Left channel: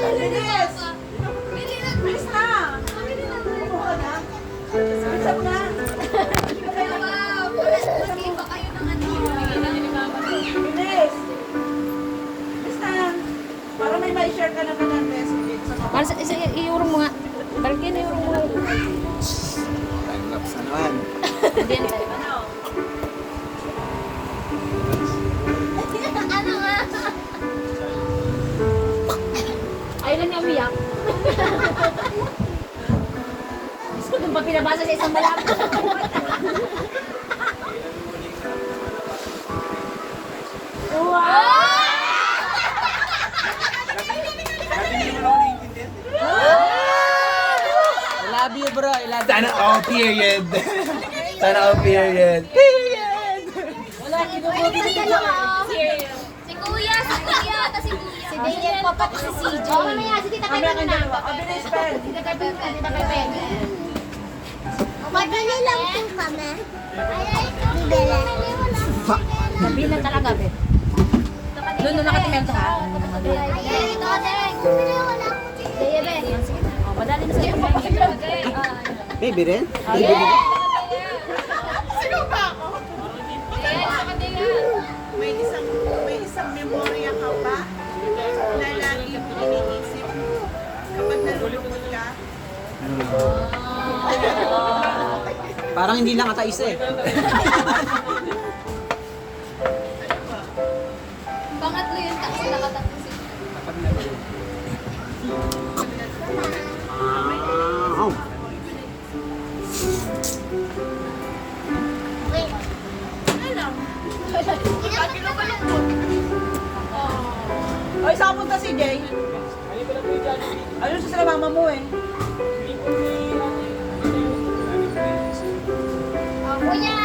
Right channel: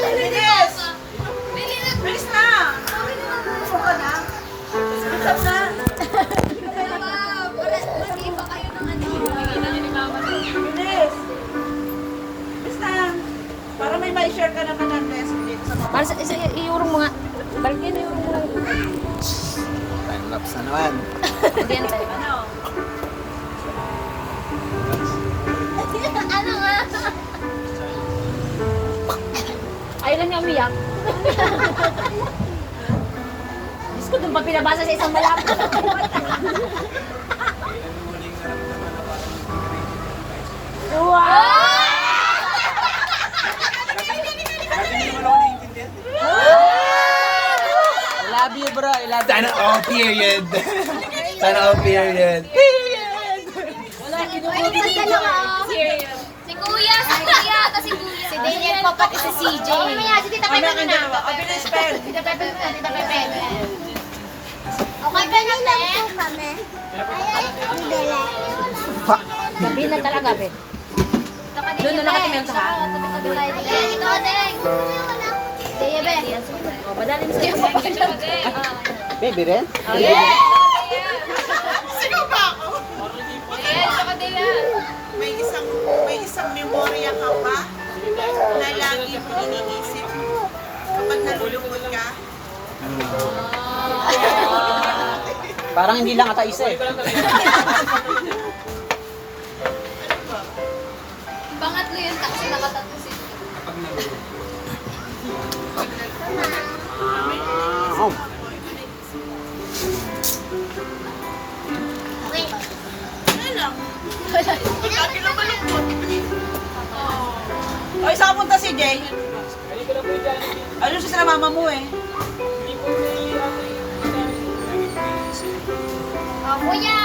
Bilis! Bilis na! Buka na. Bilis na. Bilis! Bilis na. Para may ma-share ka naman ng recipe sa mga. Para sa i-euro mo nga. Balikin na euro mo nga. Time lapse na naman. Ano nga? Ayaw na niya umiyak. Diyos ko, doon pa pinabasa sa isang malaki. Wow! I love you, bro. I love you. Sana all period. Sana all period. Si Kuya, tapos si Kuya. Si Daniel pa pati si CJ. Si Tita Pepe Kami ang dalawa. O, bilis, Pen. Tita Pepe, Tita Pepe. Okay, ganyan lang po kami. Ang dala. Gabi na talaga, be. Doon na nakatingin sa ha. Ito, Deng. Deye, be. Madali mo sa'yo. Baby rin? Sino ba ako? May isang memorya ka ba na lagi mo iniisip kapag nalulungkot ka? Parang hindi lang ata isa eh. Pangatlo yun kasi nakatatlo si Oh. Ano lang? Lagi lang malungkot. O, isa punta si Jay. Ano siya sa mama mo eh? Kuya!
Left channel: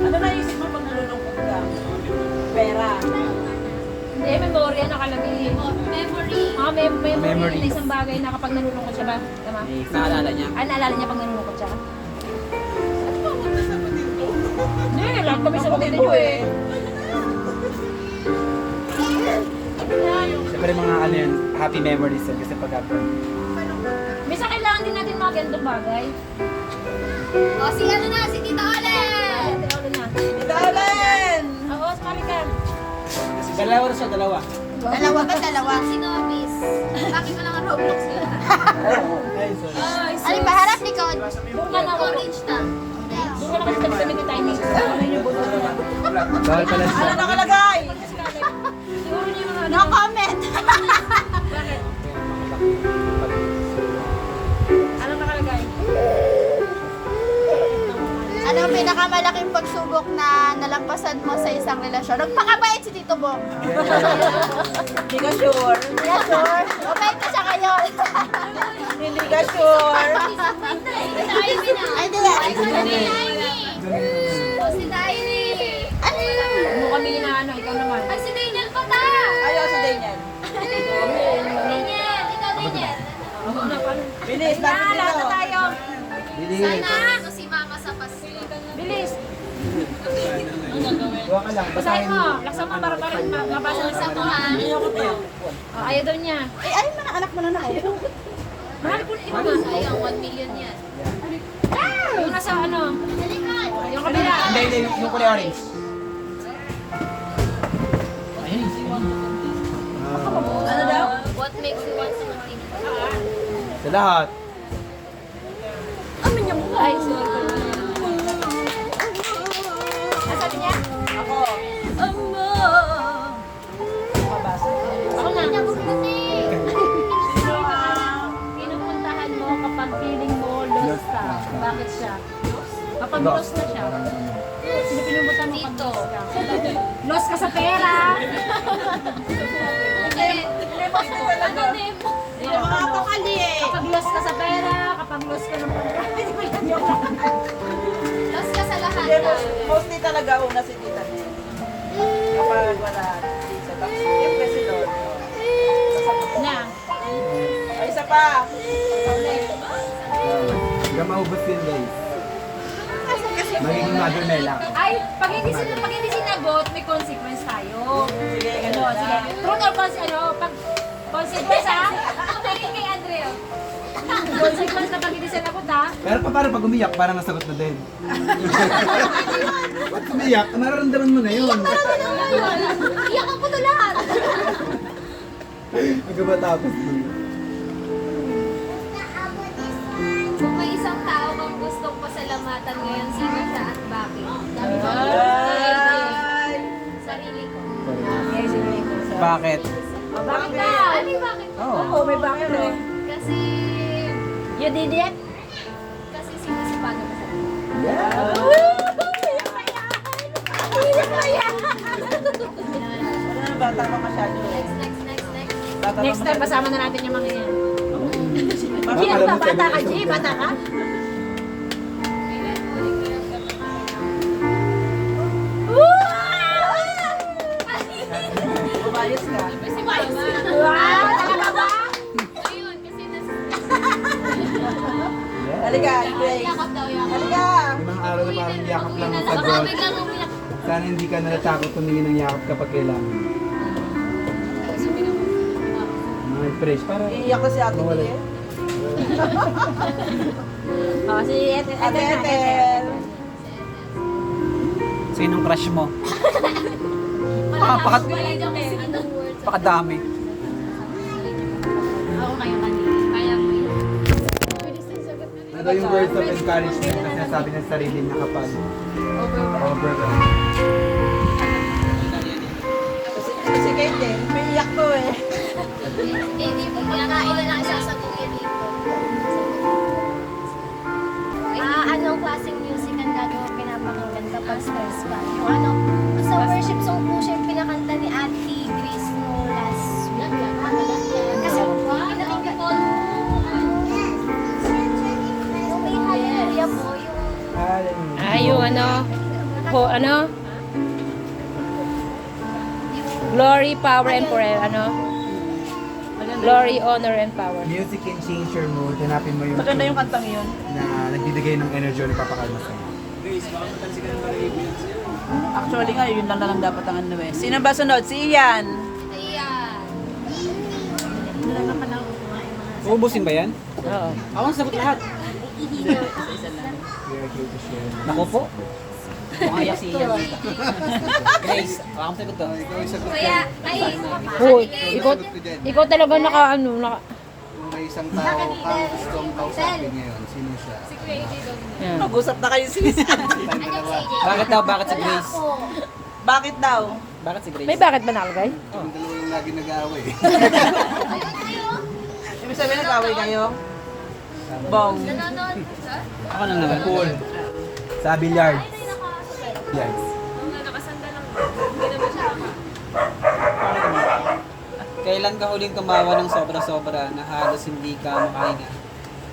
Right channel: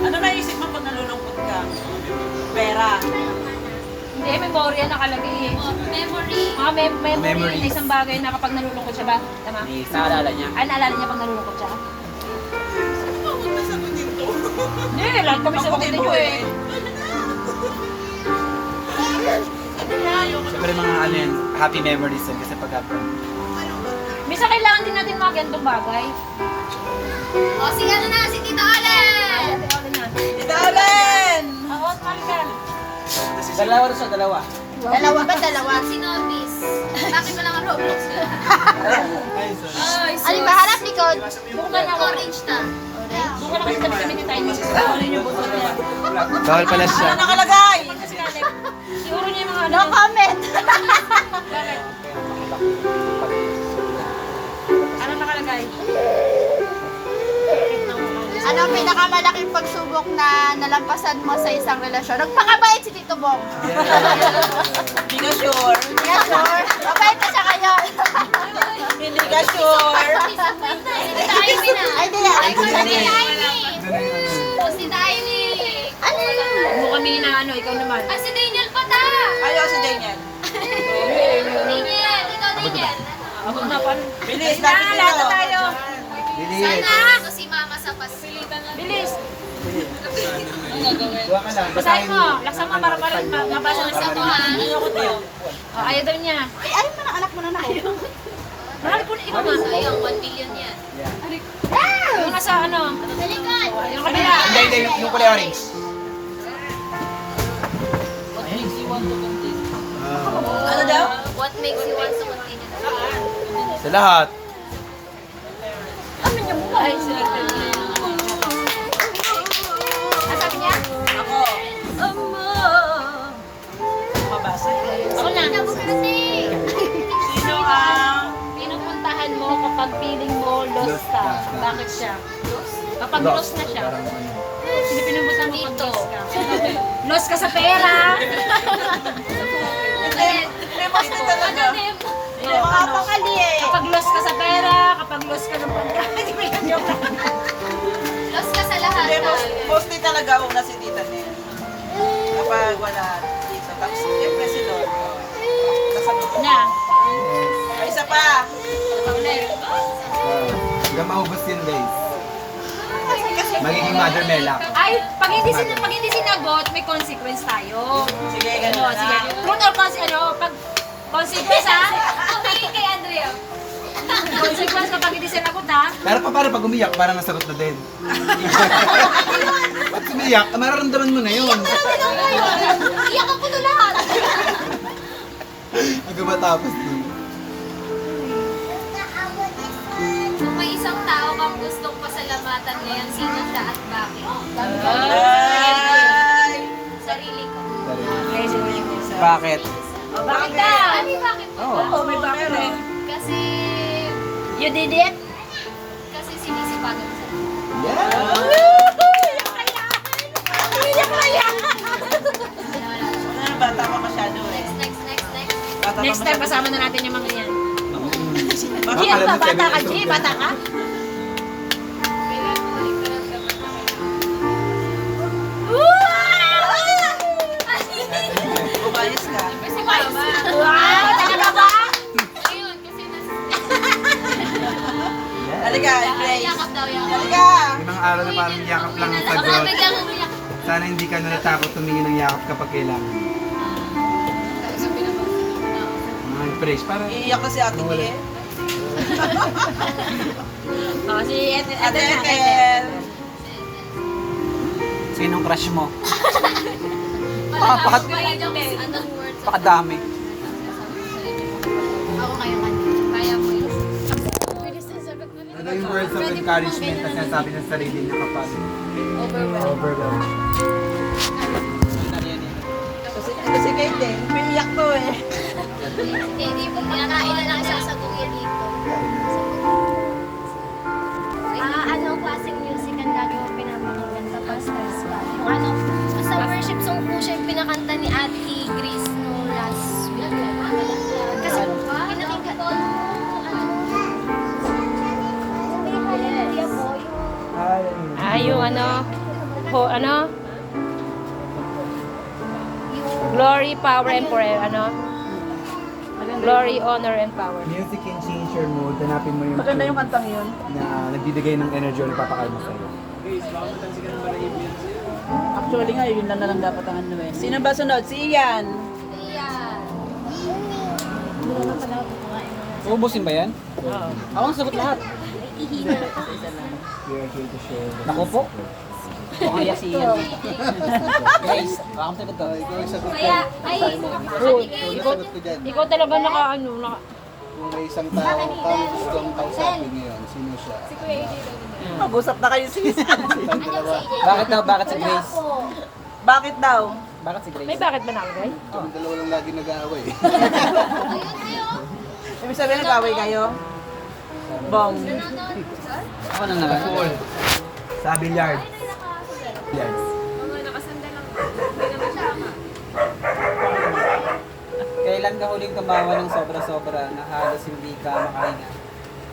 Ano naisip mo pag nalulungkot ka? Pera. Hindi, memorya nakalagay eh. Memory. Mga memory. Memories. May isang bagay na kapag nalulungkot siya ba? Tama? May naalala niya. Ay, naalala niya pag nalulungkot siya? Papunta sa dito. Hindi, lahat kami sa Papunta mga mo eh. Siyempre mga ano yun, happy memories yun kasi pag Minsan kailangan din natin mga ganitong bagay. O, si ano na, si Tita Olen! Tita Olen! Oo, sumali ka. Dalawa rin siya, dalawa. Dalawa ba? Dalawa. Si Nobis. Bakit mo lang ang Roblox ko? Ay, sorry. Ay, Ano ba? Harap likod. Doon ka ng orange na. Doon ka naman kami ni Tiny. Bawal pala siya. Ano nakalagay? Siguro niya yung mga No comment! Bakit? Ano nakalagay? Ano ang pinakamalaking pagsubok na nalampasan mo sa isang relasyon? Nagpakabait si Tito Bong. Hindi ka sure. Yes, sir. Mabait pa siya kayo. Hindi ka sure. Ay, di na. Si Tiny! Ano? Mo kami na ano, ikaw naman. Ay, si Daniel pa ta! Ayaw si Daniel. Daniel! Ikaw, Daniel! Ako na pa. Bilis, lapit dito. Bilis. Sana! Si Mama sa pasilitan lang. Bilis! Huwag ka lang. Basahin mo. Laksan mo para mabasa na sa mga. Ayaw daw niya. Ay, ano mga anak mo na ako? Mahal ko na ikaw nga. Sayang, 1 million yan. Yung nasa ano? Yung kabila. Hindi, yung kulay orange. Ano daw? What makes you want to continue? Sa lahat. Ay, swerte niya. Nasabi niya? Ako. Mabasa. Ako na. Sino ang... Pinupuntahan mo kapag feeling mo lost ka. Bakit siya? Kapag lost na siya. Sino pinupuntahan mo kapag lost ka? Lost ka sa pera. Hindi mo siya talaga. Makapakali eh. Kapag lost ka sa pera, kapag lost ka ng pagkain. Lost ka sa lahat. Hindi, mostly talaga una si Tita Nel. Kapag wala dito. Tapos, siyempre si Lord. Nasagot ko. Na. Ay, isa pa. Ulit. Hanggang maubos yun, guys. Magiging mother Mel ako. Ay, pag hindi sinagot, may consequence tayo. Sige, ganun. Oh, sige. Truth or pag consequence ha? Tumingin kay Andrea. Consequence kapag hindi sinagot ha? Pero paano pag umiyak, parang nasagot na din. Pag umiyak, mararamdaman mo na yun. Iyak ako to lahat. Pag matapos dun. Kung may isang tao kang gustong pasalamatan ngayon, sino siya at bakit? Ay! Sarili ko. Okay, sige. Bakit? Bakit ka? Ano bakit mo? Oo, may bakit eh. Kasi, You did it? kasi sinisipagan mo sa Wala na, bata pa masyado eh. Next. Bata pa Next time, masyado. kasama na natin yung mga yan. Baka G, alam mo, bata ka, 7 G? years old Bata ka? Umayos ka. Wow! Talaga ba? Ayun, kasi Halika, Grace. yakap daw, yakap. Halika! Yung araw na parang yakap lang ang sagot. Baka biglang umiyak. Sana hindi ka natatakot tumingin ng yakap kapag kailangan. Mga fresh, para Iiyak ko si Ate Wala. Kie. Oh, si Ethel. Ate Ethel. Sinong crush mo? Malalaman ko ba yung anong words? Pakadami. Ako kayo kanina. Kaya mo yun. Ano yung words of encouragement na sinasabi ng sarili na kapag overwhelmed? Si Kate eh. Umiiyak to eh. Hindi mo kinakain lang sasabuhin dito. Anong klaseng music ang gagawa pinapakinggan kapag stress ka? Yung ano, sa worship song po siya yung pinakanta ni Ate Grace no last week. Kasi pinakinggan ko, may hallelujah po, yung Yung ano? Glory, power, and forever, Glory, honor, and power. Music can change your mood. Hanapin mo yung Maganda yung tune kantang yun. na nagbibigay ng energy ni Papa Carlos sa'yo. Actually nga, yun lang na lang dapat ang ano eh. Sino ba sunod? Si Ian. Ayan. Uubusin ba yan? Oo. Ako ang sagot lahat. Isa lang. Nako po. Kaya si Ian. Guys, ako ang sagot to. Kaya, ay, Ikaw talaga naka. Kung may isang tao kang gustong kausapin ngayon, sino siya? si Kuya AJ daw. Mag-usap na kayo sis. Andiyan si AJ. Bakit daw? Bakit si Grace? Bakit daw? Bakit si Grace? May bakit ba nakalagay? Yung dalawa lang lagi nag-aaway. Ibig sabihin nag-away kayo? Bong. Nanonood. Ako na nga. Sa billiard. Yes. Mga nakasanda lang. Hindi naman siya. Kailan ka huling tumawa ng sobra-sobra na halos hindi ka makahinga?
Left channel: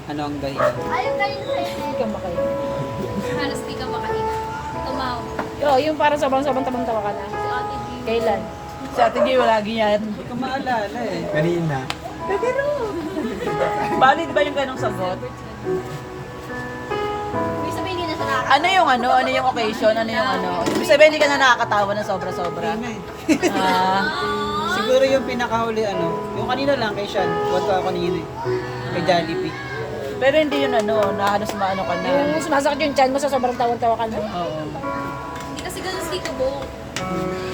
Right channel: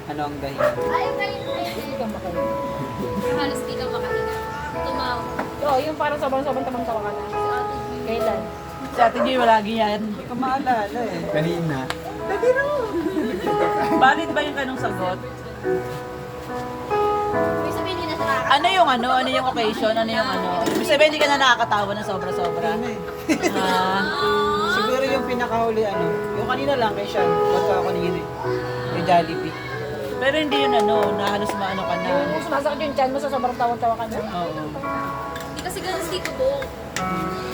Ano ang dahilan? Ayaw galing kayo. Halos di ka makahinga. Tumawa. Oo, yung parang sobrang tamang-tawa ka na. Kailan? Si Ate Gio, lagi yan. Hindi ka maalala eh. Kanina. Valid ba yung ganong sagot? May sabihin din na sa nakaka. Ano yung ano? Ano yung occasion? Ano yung ano? Ibig sabihin hindi ka na nakakatawa ng sobra-sobra. Ah, Siguro yung pinakahuli yung kanina lang kay Sean. Huwag ka kanina eh. Kay Jollibee. pero hindi yun ano, na halos maano ka na. Yung sumasakit yung chan mo sa sobrang tawang-tawa ka na. Oo. Hindi kasi ganun si Kubo.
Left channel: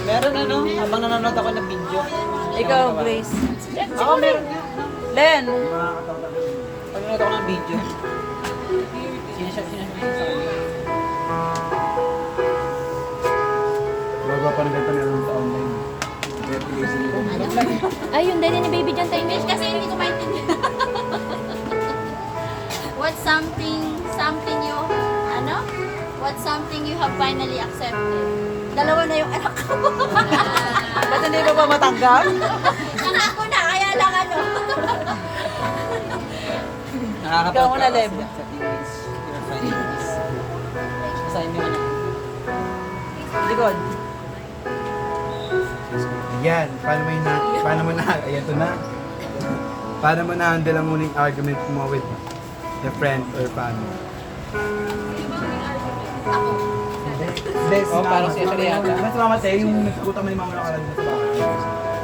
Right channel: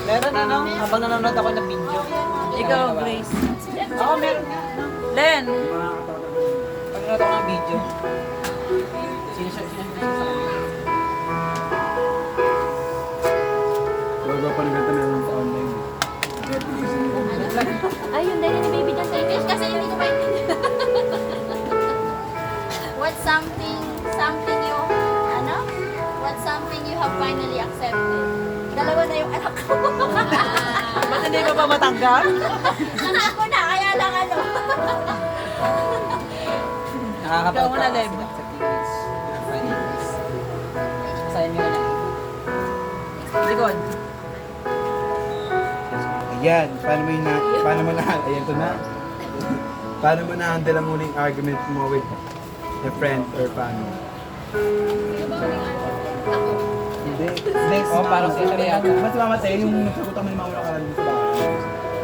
Meron habang nanonood ako ng video. Ikaw, Grace. Ako meron. Len, Pag nanonood ako ng video, sinasya sa kanya. Bago pa ng ganda meron sa online. Ay, yung dali ni Baby Jan tayo. English kasi hindi ko maintindihan. What's something you have finally accepted? Dalawa na yung anak ko. ba't hindi ka pa matanggap? Saka ako na, kaya lang ano. Nakakapagod Ikaw muna, ka Lem. kasi sa English. You're finding English. Basahin mo na. Likod. Ayan, paano mo na-handle ang muling argument mo with a friend or family? Hindi. Oh, parang si Andrea. Mas mamatay yung nagsagutan mo yung mga nakaraan mo sa bahay.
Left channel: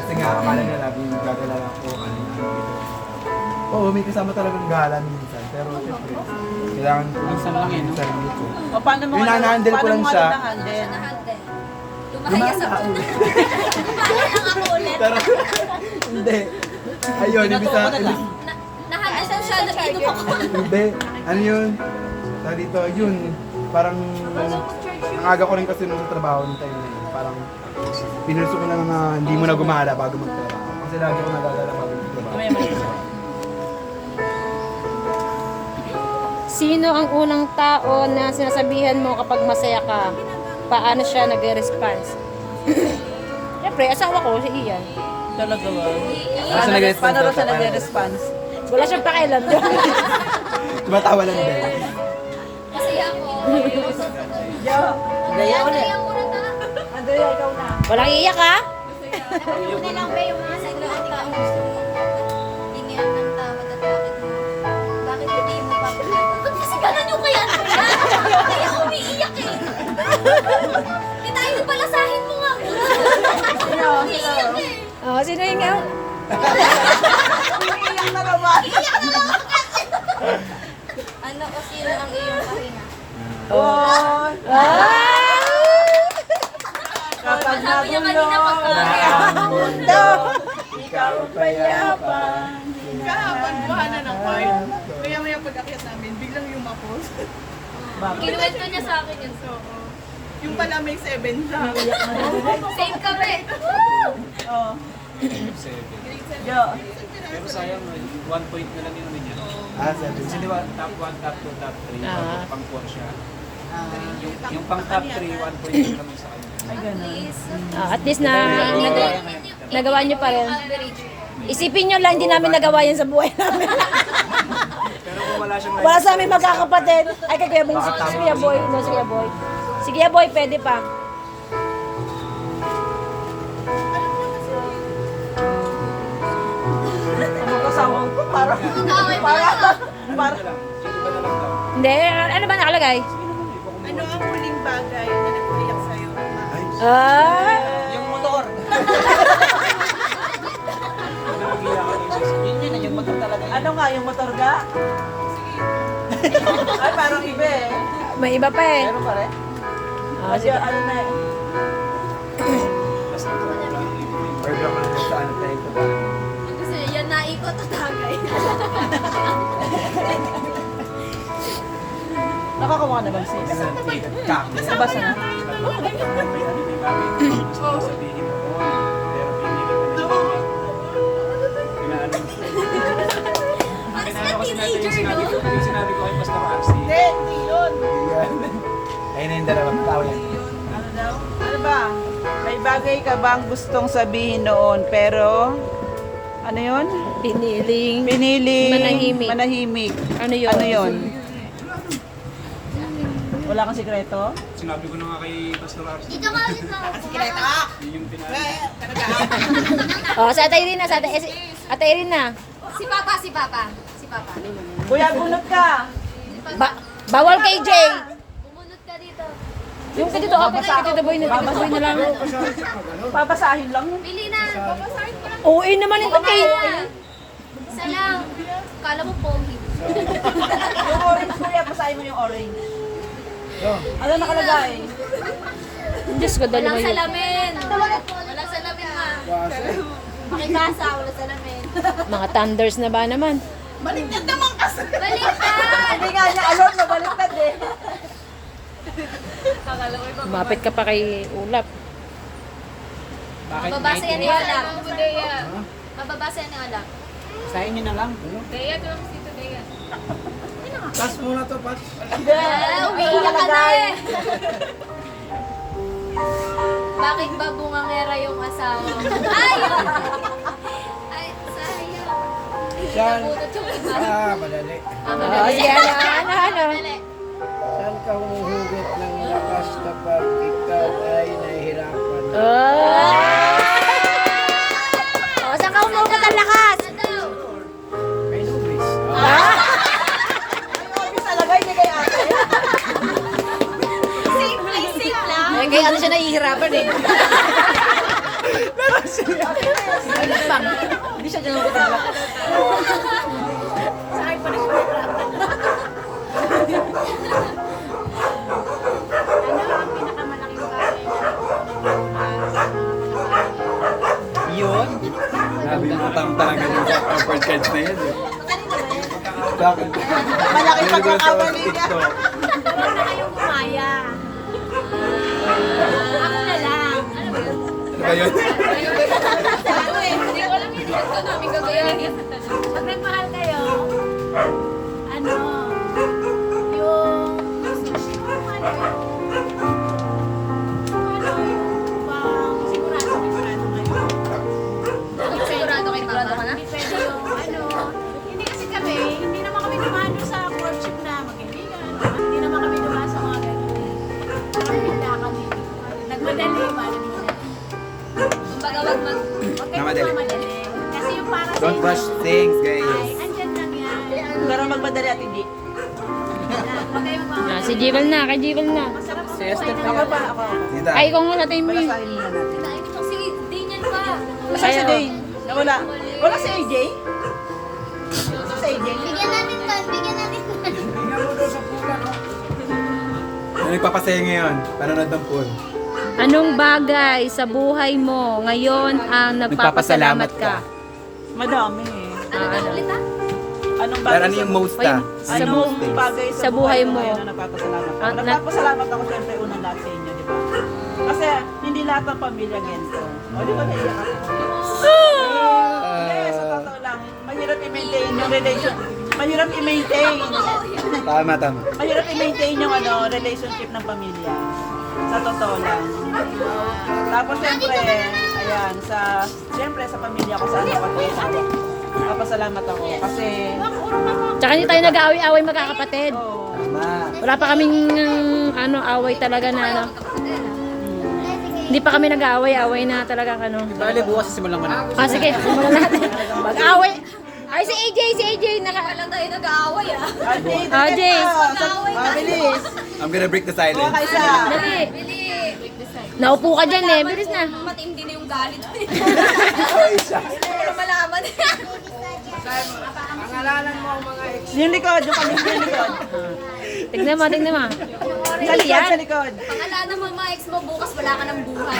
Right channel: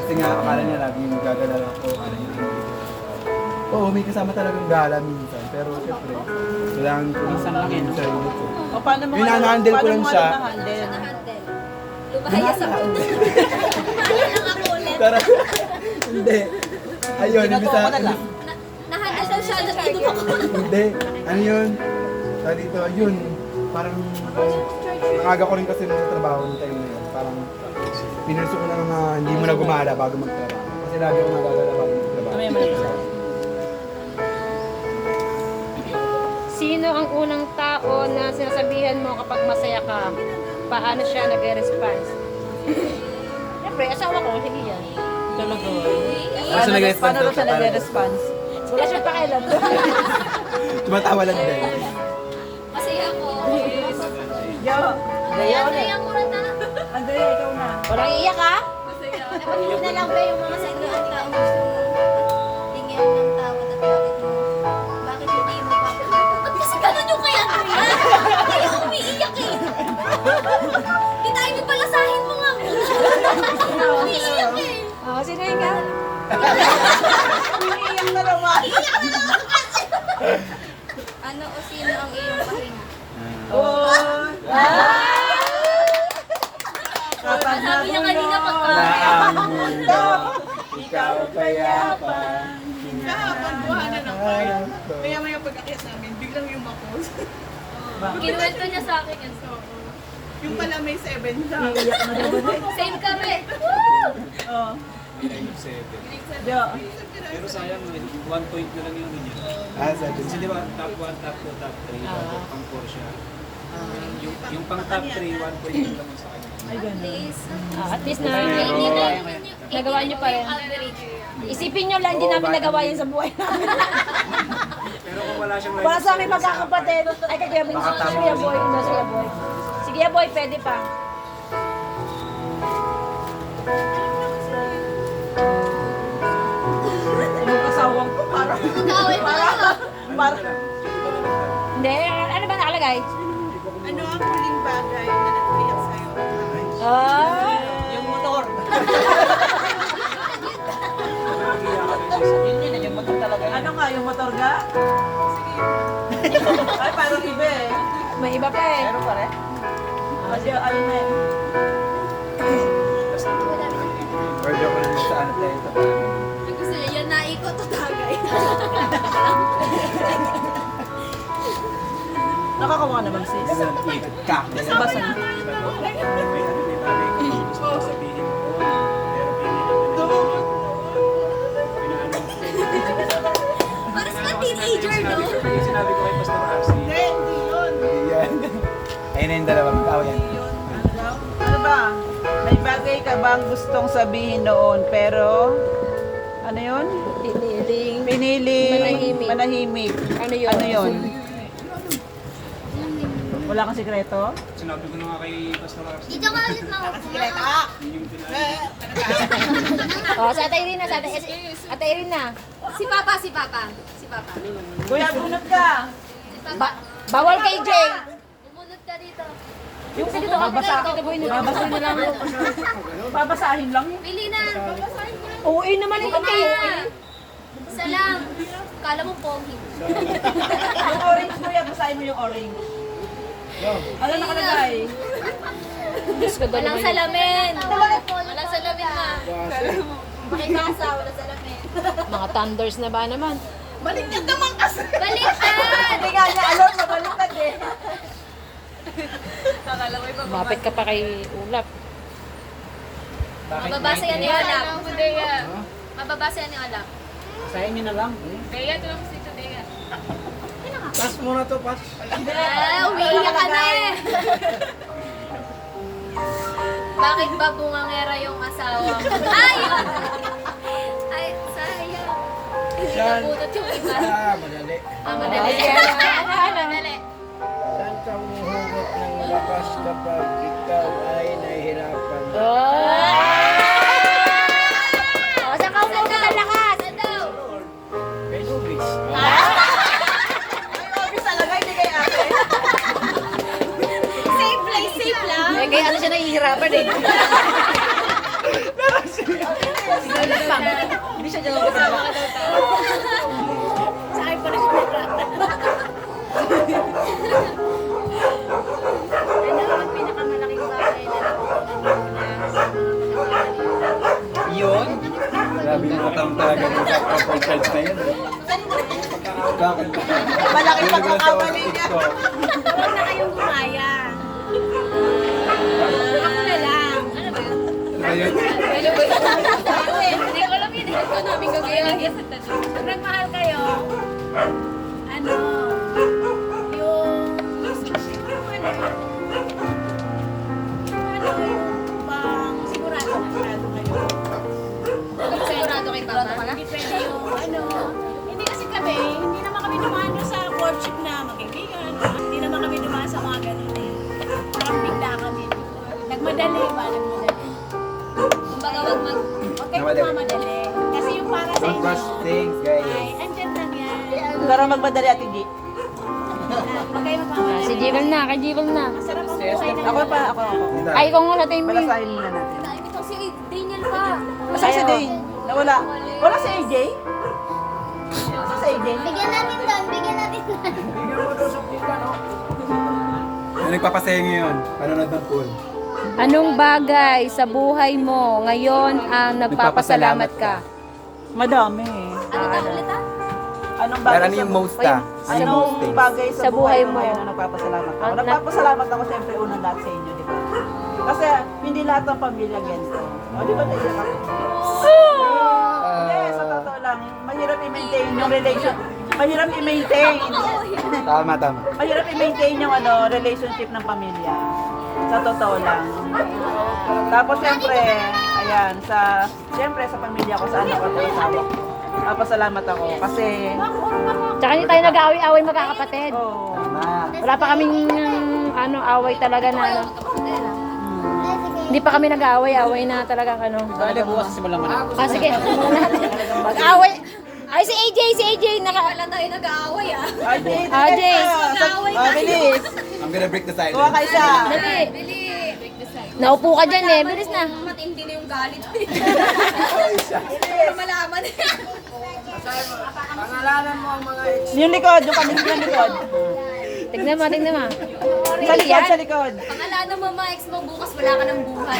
Kasi nga, akala na laging gagala lang ako, ano na, oo, may kasama talagang gala minsan. Pero syempre, kailangan ko Minsan lang yun, no? yung sarili ko. O paano mo Yung na-handle ko lang siya. na-handle? Lumasa ulit. Pero, hindi. Ayun, ibig Ginagawa ko na sa... lang. Asan siya? Nag-inom ako. Hindi. Ano yun? Sa dito, yun. Parang nangaga ko rin kasi nung sa trabaho ng time na yun. Parang pinurso ko lang na hindi mo na gumala bago magtrabaho. Kasi lagi ako nagagala bago magtrabaho. Sino ang unang tao na sinasabihan mo kapag masaya ka? Paano siya nag-response? Siyempre, asawa ko, si Ian. Talaga ba? Paano siya nag-response? Paano raw siya nag-response? Wala siyang pakialam doon. Tumatawa lang din. Masaya ko. Yo, Daya ulit. Masaya ko na ta. Andrea, ikaw na. Walang iiyak ha? Napanood na lang ba yung mga sa inyo at ang gusto tingin ng tawad at bakit hindi mo pa Ba't kasi ganun yung kaya Andrea? Kaya umiiyak eh. Kitayin mo palasahin mo nga muna. Umiiyak eh. Oh, sino yung nga? Umiiyak na naman. ano o sino ang iyong pahinga? Oh. Kapag Sabi niya kanina pagka ang mundo, ikaw ang payapa. Buhanan ng card. Kaya maya pag-akyat namin, biglang lumapos. kinuwento niya sa akin yun. Yung pala may 7 siya. Same kami. Oh. Yo. Pero sayang, 1 point na lang yung win. Sabi. Kasi di ba, top 1, top 2, top 3, pang 4 siya. Yung pang top 3, 1 point lang kami sa kanya. Ay, ganun. At least na nagawa niyo pa rin. Average. Isipin niyo lang, hindi namin nagawa yan sa buhay namin. Pero kung wala siyang Wala sa aming magkakapatid. Ay, kay Kuya Boy, Baka tama si Kuya Boy. No, si Kuya Boy. Si Kuya Boy, pwede pa. Ang magkasawang ko, parang, parang, Hindi, ano ba nakalagay? Ano ang huling bagay na nagpayak sa'yo? Ah, yung motor. Yun, yung motor talaga. Ano nga, yung motor ga? Ay, parang iba eh. may iba pa eh. Meron pa rin? Kasi ano na eh. Order ko na yun sa ano tayo sa bahay. Gusto niya, yan naikot o tagay. Nakakawa naman sis. Nabasa na. sabihin noon. Pero pinaano Parang sila teenager, no? Yung sinabi ko kay Pastor RC. Hindi yun. Yan. Ayun na yung dalawa. Tao yan. Ano daw? Ano ba? May bagay ka bang gustong sabihin noon pero ano yun? Piniling. Piniling Manahimik. manahimik. Ano yun? Ano yun? Wala kang sikreto? Sinabi ko na nga kay Pastor RC. Dito ka ulit mo. Yun yung pinaano. Oh, sa Ate Irina, sa Ate Irina. Si Papa, si Papa. Si Papa. Kuya, bunot ka! Bawal kay Jay. Umunod ka dito. Yung dito, Tito Boy, babasahin na lang. Babasahin lang yun. Pili na. Babasahin ko lang. Oo, naman ito kay... Isa lang. Kala mo pogi. Yung orange kuya, basahin mo yung orange. Ano nakalagay? Diyos ko, Walang dalawa. salamin. Walang salamin, ma. Makikasa, walang salamin. Mga thunders na ba naman? Baliktad naman kasi. Baliktad! Hindi nga niya alam, mabaliktad eh. Mapit ka pa kay Ulap. Mababasa yan ni Olap. Mababasa yan ni Olap. Sayin niyo na lang. Pass muna to, pass. Umiiyak ka na eh. Bakit ba bungangera yung asawa mo? Ay! Ay, sayang. Hindi nabunot yung iba. Madali. Madali. Madali. Saan ka humuhugot ng lakas kapag ikaw ay nahihirapan? Oh, saan ka umugot ang lakas? Ano daw? Kay Nubis. Ay, obvious talaga, hindi kay ate. Safe place, safe lang. Kaya ano siya nahihirapan eh. Hindi siya dyan magkatala. Sa akin pa rin siya may plata. Ano ang pinakamalaking bagay na natutunan mo na sa mga pagkakataon? Yun? Grabe yung mga tanong talaga ng sa charge na yun. Bakit? Malaking pagkakamali niya. Huwag na kayong gumaya. Ako na lang. Ano ba yun? Ano ba yun? Hindi ko alam yun. Ito namin gagawin. Pag nagmahal kayo, ano, yung bang sigurado kayo. Sigurado kay Papa? Hindi pwede yung ano, hindi kasi kami, hindi naman kami dumano sa courtship na magkaibigan. Hindi naman kami dumano sa mga ganun eh. Parang bigla kami. Nagmadali ba? Nagmadali. Kumbaga wag mag... Huwag kayo Namadali. magmamadali. Kasi yung para sa Don't rush things, guys. ay, andyan lang yan. Pero magmadali at hindi. Huwag kayo magmamadali. Si Jivel na, kay Jivel na. Masarap ang buhay ng Ako pa, ako. Dita. Ay, ikaw nga sa time mo yun. Palasahin muna natin. Naibig ko si Daniel pa. Basta si Dane. Nawala. Wala si AJ? Wala si AJ? Bigyan natin doon, bigyan natin doon. Ano nagpapasaya ngayon? Panonood ng pool. Anong bagay sa buhay mo ngayon ang nagpapasalamat ka? Madami. Ano ulit ah? Anong Pero bagay ano yung most ah? Ano yung most Anong things? bagay Sa sa buhay buhay mo mo? ngayon na nagpapasalamat ako? At Nagpapasalamat ako siyempre unang lahat sa inyo, di ba? Kasi hindi lahat ng pamilya ganito. O, di ba naiyak ako? Yes, sa totoo lang. Mahirap i-maintain yung relation. Mahirap i-maintain. Tama, tama. Mahirap i-maintain yung relationship ng pamilya. Sa totoo lang. Tapos siyempre, ayan, siyempre sa pamilya ko, sa anak ko at sa asawa ko. Papasalamat ako kasi, Tsaka hindi tayo nag-aaway-away magkakapatid. oh, Tama. Wala pa kaming away talaga na ano. Hindi pa kami nag-aaway-away na talagang ano. Dali bukas simulan mo na. Ah, sige, simulan natin. Mag-away. Ay, si AJ, Wala tayo nag-aaway ah. AJ! AJ. Bilis! I'm gonna break the Kuha silence. ka isa! Dali. Bili. Naupo ka dyan eh, bilis na. Matindi na yung galit. Para malaman. Yung likod, yung kanyang likod. Tignan mo. Sa likod, Yan. sa likod. Pangalanan mo mga ex mo bukas wala ka ng buhay.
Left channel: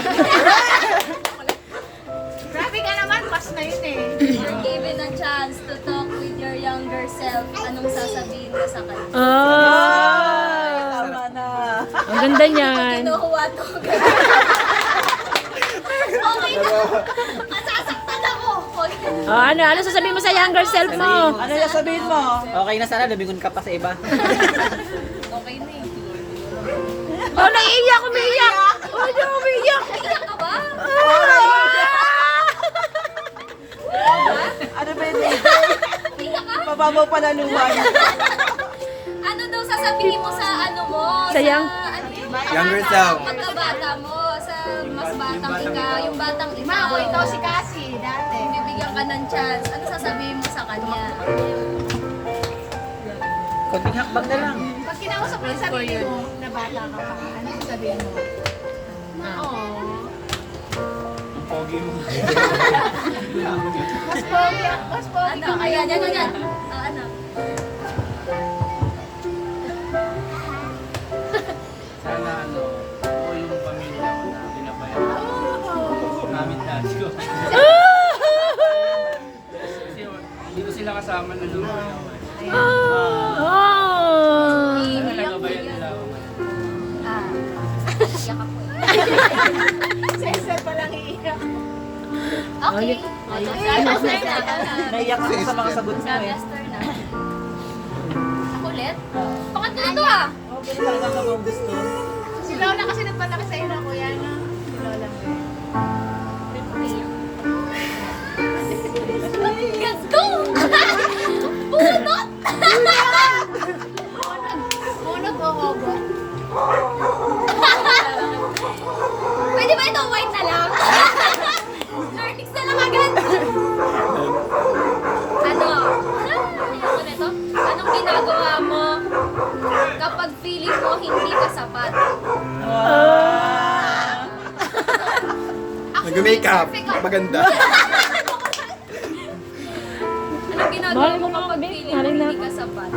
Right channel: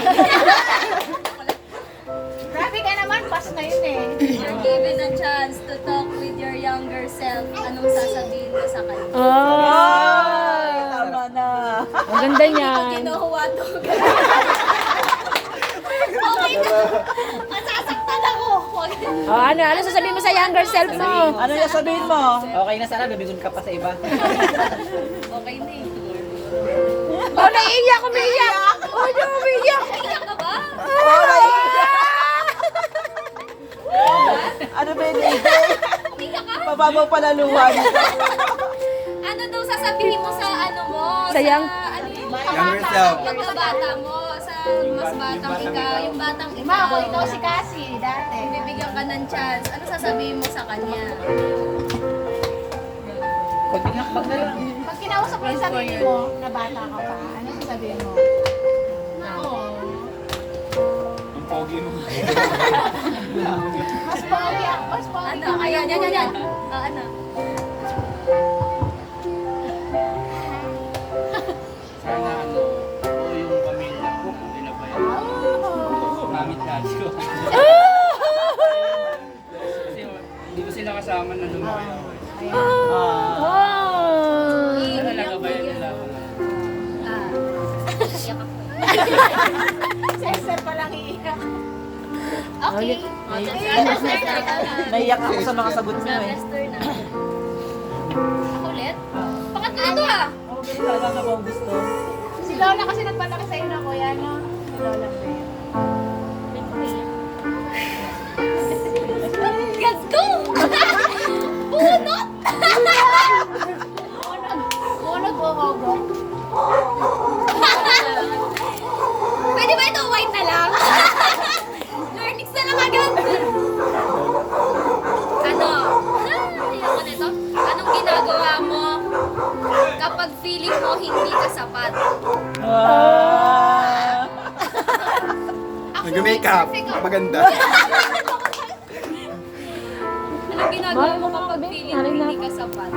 Grabe ka naman, pass na yun eh. You're given a chance to talk with your younger self. Anong sasabihin mo sa kanya? Tama na. Ang ganda niyan. Kinuha to. Okay na. Masasaktan ako. Oh, ano sasabihin mo sa younger self mo? Ano yung sabihin mo? Okay na sana, lumingon ka pa sa iba. Okay na eh. Oh, naiiyak, umiiyak. Oh, di umiiyak. Iyak ka ba? Ano ba yun? Iyak ka? Mababaw pala luha. Ano daw sasabihin mo sa ano mo? Sa young- ano yung Younger self. pagkabata mo, sa mas batang ikaw, yung batang ikaw. Ikaw si Cassie, dati. Kung bibigyan ka ng chance, ano sasabihin mo sa kanya? Konting hakbang na lang. Pag kinausap mo yung sarili mo, na bata ka pa, ano yung sabihin mo? Oo. Ang pogi mo. Mas pogi ako, mas pogi. Ano? Ayan, yan. Ano? Sana oo yung pamilya ko na pinabayan. Gamit dati ko. Kasi hindi ko sila kasama na lumaki ako. Sana nagabayan nila ako ngayon. Iyak ako eh. Sa isa pa lang iiyak. Okay. Naiyak ko sa mga sagot mo eh. Lester na. Ako ulit? Pangatlo ito ah. Oo, ganun talaga ako ang gusto. Si Lola kasi nagpalaki sa'yo na kuya na. Lola ko. Let's go! Bunot! Bunot o hogot? Pwede ba ito white na lang? Arnix na lang agad. Ano? Ayoko na ito. Anong ginagawa mo kapag feeling mo hindi ka sapat? Nag-makeup. Maganda. Malay mo naman, babe. Malay na. Hindi ka sapat.